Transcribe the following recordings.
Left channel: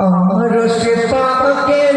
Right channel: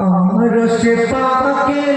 আর সে পাকের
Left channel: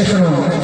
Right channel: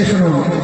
చేస్తున్నాము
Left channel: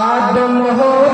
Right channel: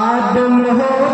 আদম হতে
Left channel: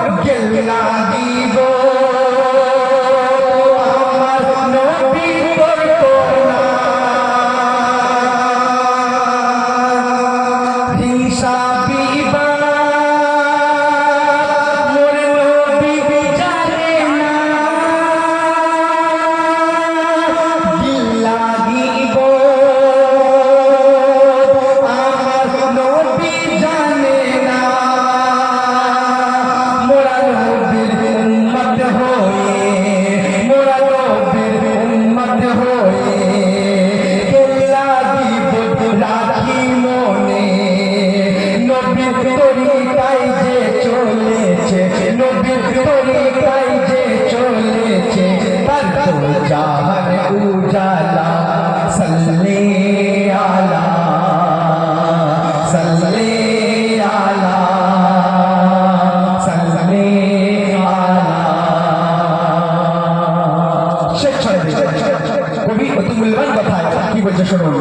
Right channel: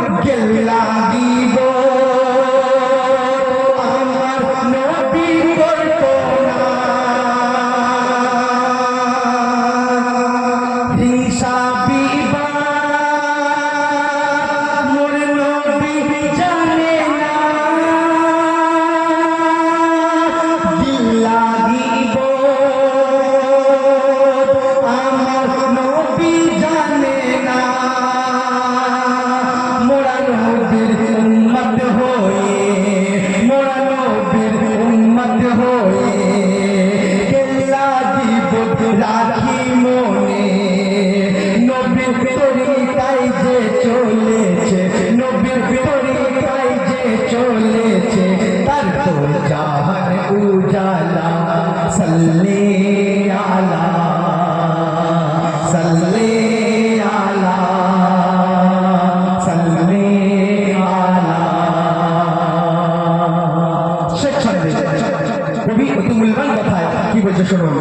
সাল্লি আলা সাল্লি আলা সাল্লি আলা। শেখ সাহেব কবি অতি মূল্যবান কথায় কি বলছে শুনুন।